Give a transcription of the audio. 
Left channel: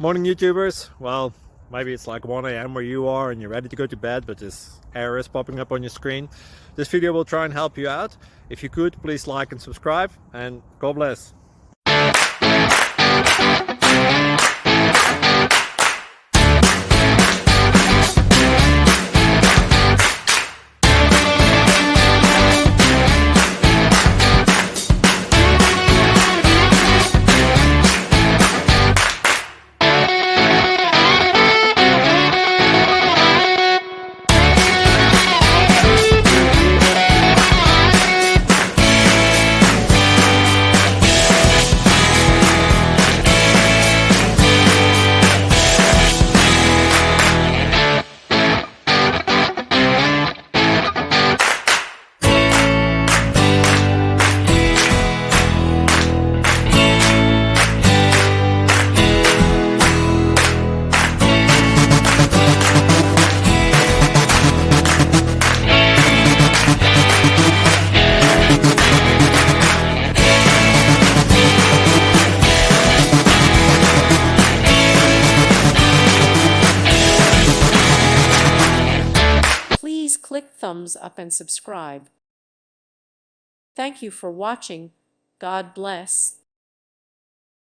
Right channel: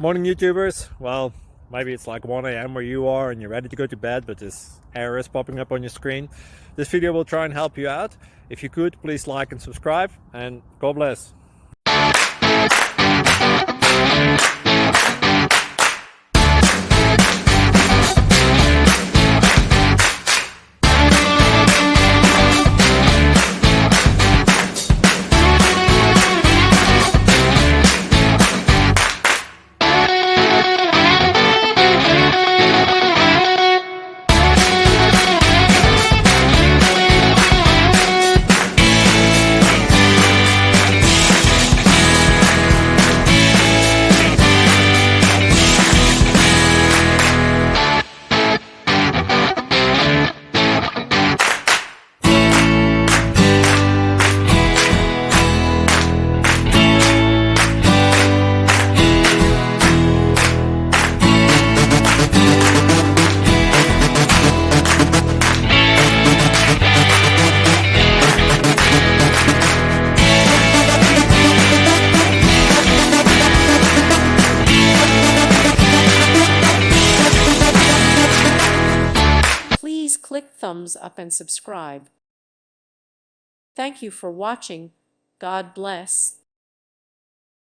Morning YouTubers. Well, maybe it's like 1 a.m. where you are and you're ready to go to bed, but this error is popping up on your screen. This video will try and help you out. If you could, please like and subscribe, and God bless. Please click thumbs up and subscribe. Thank you for watching. God bless.